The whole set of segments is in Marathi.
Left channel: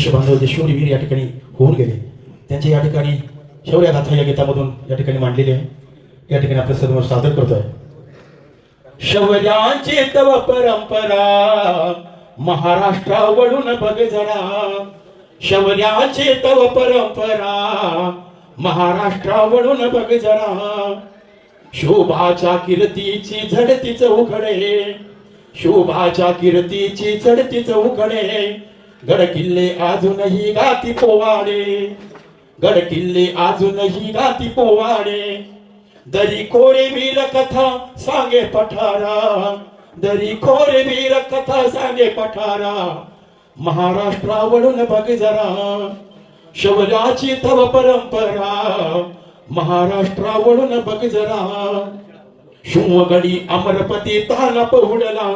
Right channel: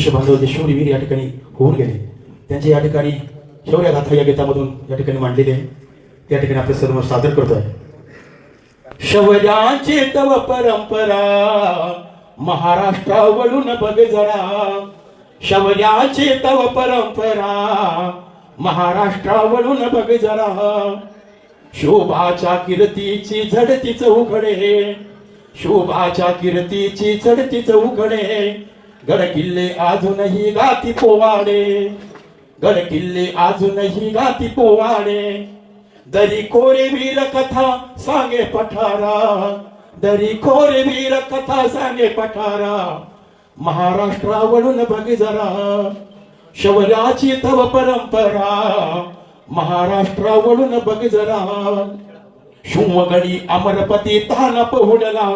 देशबांधव जे शूरवीर या ठिकाणी होऊन गेले त्यांचे या ठिकाणी शौर्यगाथा या गीतामधून या ठिकाणी मांडलेले आहे. या ठिकाणी आपल्या सर्व सादर करतोय. शौर्याची तव परंपरा महाराष्ट्रावरून बघ जरा, शौर्याची तव परंपरा महाराष्ट्रावरून बघ जरा. शोभाच्या कीर्तीची झडतीच उघडे, शोभाच्या कीर्तीची झडतीच उघडे. गड किल्ले अजूनही गाती पोवाडे, गड किल्ले अजूनही गाती पोवाडे. दरी खोरे वीर कथा सांगे पठारा, दरी खोरे वीर कथा सांगे पठारा. महाराष्ट्रावरून बघ जरा, शौर्याची तव परंपरा महाराष्ट्रावरून बघ जरा. शिवगडी अमरपती ताना पहुडला,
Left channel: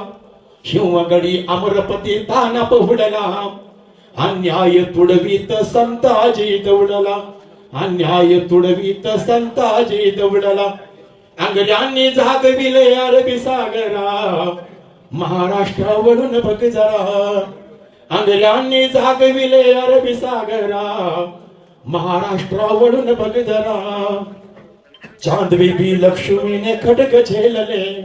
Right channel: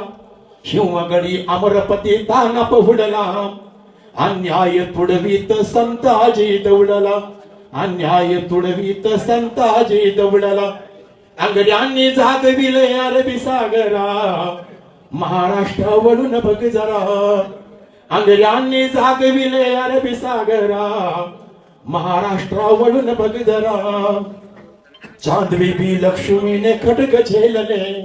शिवगडी अमरपती ताना पहुडला. अन्याय तुडवीत संताजी दौडला, अन्याय तुडवीत संताजी दौडला. अंगड्यांनी जागविले अरबी सागरा, महाराष्ट्रावरून बघ जरा. अंगड्यांनी जागविले अरबी सागरा, महाराष्ट्रावरून बघ जरा. चांद बीबी लक्ष्मीने खडक झेलले,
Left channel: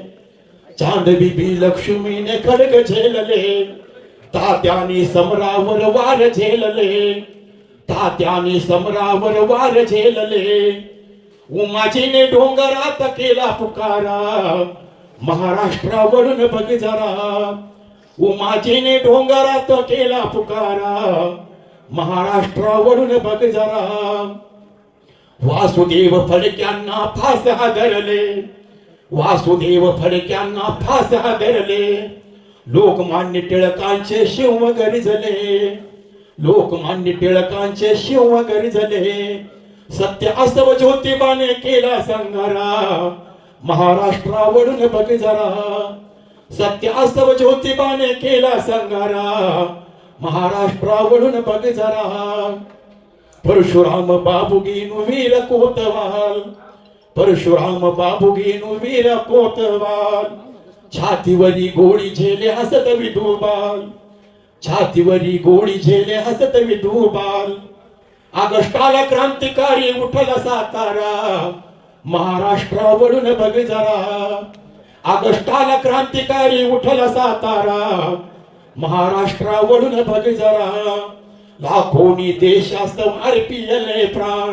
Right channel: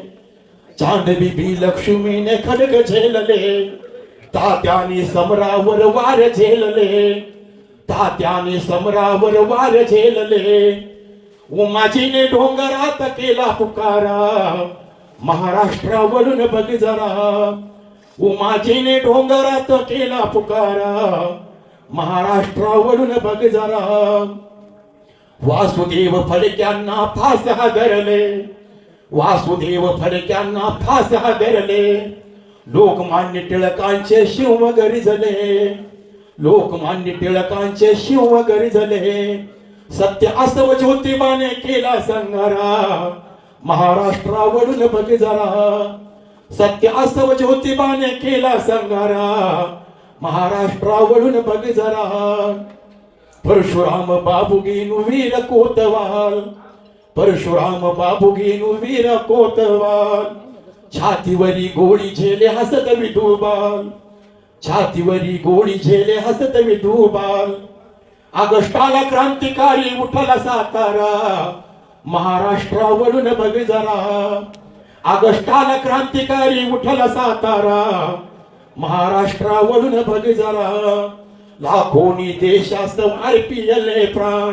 चांद बीबी लक्ष्मीने खडक झेलले. तात्याने समरावर वार झेलले, तात्याने समरावर वार झेलले. उमाजीने डोंगरात केला पुकारा, महाराष्ट्रावरून बघ जरा. उमाजीने डोंगरात केला पुकारा, महाराष्ट्रावरून बघ जरा. वासुदेव फडक्यांना फास धरले, वासुदेव फडक्यांना फास धरले. लोकमान्य टिळकांचे शिव गरजले, लोकमान्य टिळकांचे शिव गरजले. सत्य असव ज्योतिबाने केला संहारा, महाराष्ट्रावरून बघ जरा. सत्य असव ज्योतिबाने केला संहारा, महाराष्ट्रावरून बघ जरा. परशुराम बाबुगीनु वीर कोतवाल, परशुराम बाबुगीनु वीर कोतवाल. छातीवरी गोळी झेले हसत विधुबाल, छातीवरी गोळी झेले हसत विधुबाल. ऑगस्टाला क्रांतिकारी उठला सातारा, महाराष्ट्रावरून बघ जरा. ऑगस्टाला क्रांतिकारी उठला सातारा, महाराष्ट्रावरून बघ जरा. लाखोनी देशास्तव अर्पिले प्राण,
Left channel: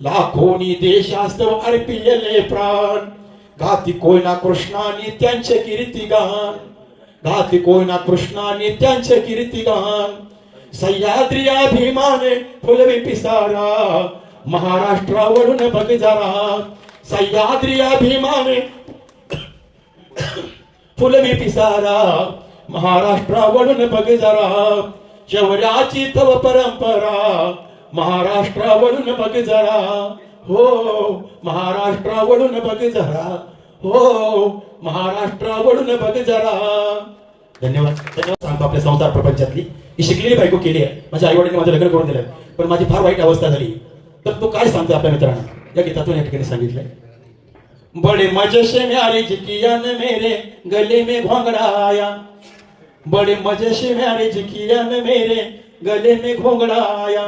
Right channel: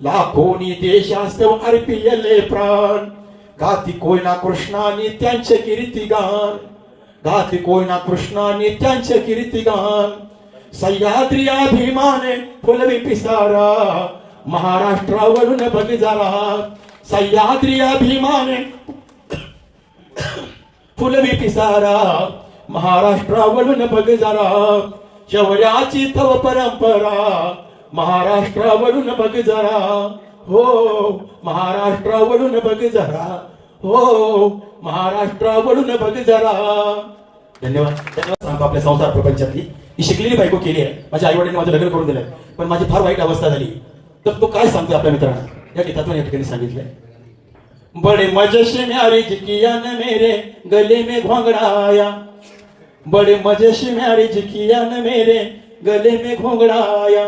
लाखोनी देशास्तव अर्पिले प्राण. गाती कोयना कृष्णानी त्यांचे कीर्तिगान, गाती कोयना कृष्णानी त्यांचे कीर्तिगान. सह्याद्री अभिमाने फुलवी पिसारा, महाराष्ट्रावरून बघ जरा. सह्याद्री अभिमाने फुलवी पिसारा, महाराष्ट्रावरून बघ जरा. शौर्याची तव परंपरा महाराष्ट्रावरून बघ जरा. हो महाराष्ट्रावरून बघ जरा, हो महाराष्ट्रावरून बघ जरा. धन्यवाद. धन्यवाद. आपल्या संसार प्रपंचातली ही शिकलेली बायको केली आहे. माझ्या आई वडिलांनी माझं लग्न करून दिलं, पण माझी फार वाईट अवस्था झाली. तर तो काय सांगतो आपल्या मित्रांना, या गीतातून या ठिकाणी सांगितलंय. बडे मजे से म्यारी जिकिया ने मेरे गले में घोंगड़ा आया, बड़े मजे से म्यारी जिकिया ने मेरे गले में घोंगड़ा आया.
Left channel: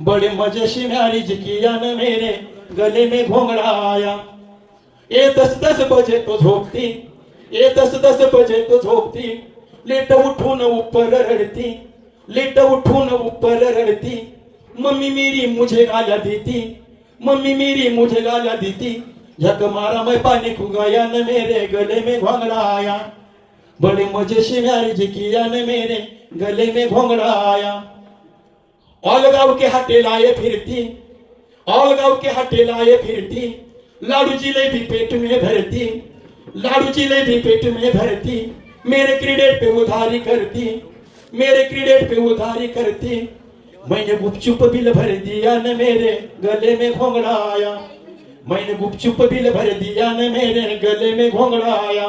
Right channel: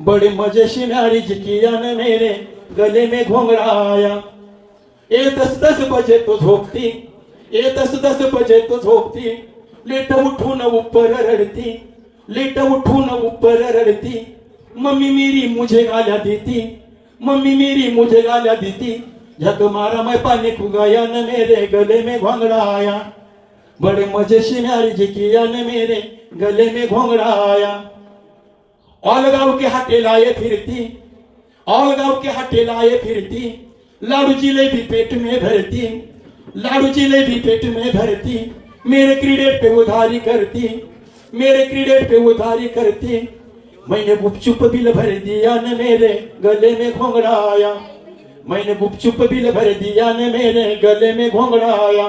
बड़े मजे से म्यारी जिकिया ने मेरे गले में घोंगड़ा आया. ए 10-10 बजे तो झोपती, ए 10-10 बजे तो झोपती. लेट उठून ऊपर रडती, लेट उठून ऊपर रडती. मम्मी मेरी मुझे गालियां देती, मम्मी मेरी मुझे गालियां देती. झक मारा मैं पानी खुगाया न मेरे गले में घोंगड़ा आया. बड़े मजे से म्यारी जिकिया ने मेरे गले में घोंगड़ा आया. औलगांव के हाटे लाए फिरती, औलगांव के हाटे लाए फिरती. लाडू जिलेबी पेट में भरती, लाडू जिलेबी पेट में भरती. मेरे क्रेडिट पे उधारी करती, मेरे क्रेडिट पे उधारी करती. मैंने गुपचुप बिल भर दिया न मेरे गले में घोंगड़ा आया. मैंने गुपचुप बिल भर दिया न मेरे गले में घोंगड़ा आया.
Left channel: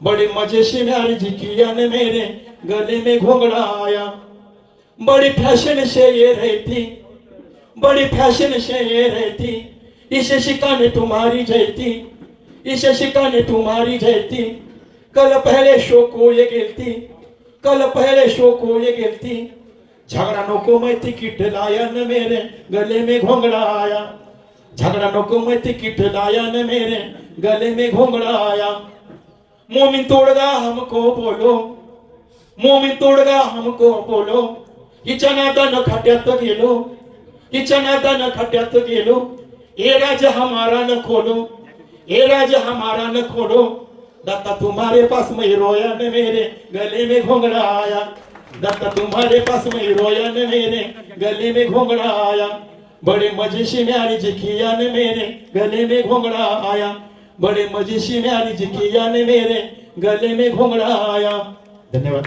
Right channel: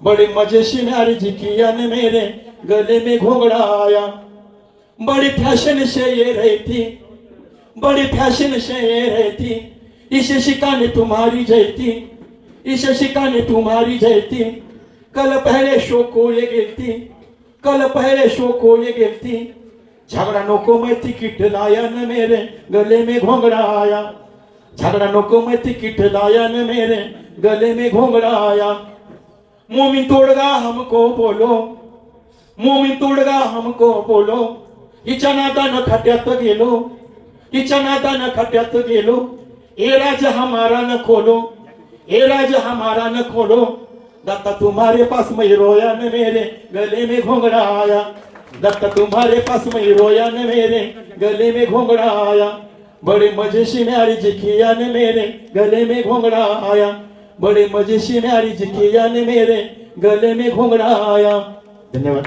बड़े मजे से म्यारी जिकिया ने मेरे गले में घोंगड़ा आया. बड़ी फैशन से ये रहती, बड़ी फैशन से ये रहती. इसे शिकाने तुम्हारी जयती, इसे शिकाने तुम्हारी जयती. कल पहले शो को ये गिरती, कल पहले शो को ये गिरती. झगड़ा नको मैं तिकिट लाया न मेरे गले में घोंगड़ा आया, झगड़ा नको मैं तिकिट लाया न मेरे गले में घोंगड़ा आया। मोमिन तोड़गा हमको बोलो, मोमिन तोड़गा हमको बोलो, हिच्या नादानं खड्ड्यात गेलो, हिच्या नादानं खड्ड्यात गेलो, ए राज हमारा न खोलो, ए राज हमारा न खोलो, दत्ता तुम्हारे पास मैं रोया न मेरे गले में घोंगड़ा आया, दत्ता तुम्हारे पास मैं रोया न मेरे गले में घोंगड़ा आया। बड़े मजे से म्यारी जिकिया ने मेरे गले में घोंगड़ा आया, बड़े मजे से म्यारी जिकिया ने मेरे गले में घोंगड़ा आया। धन्यवाद।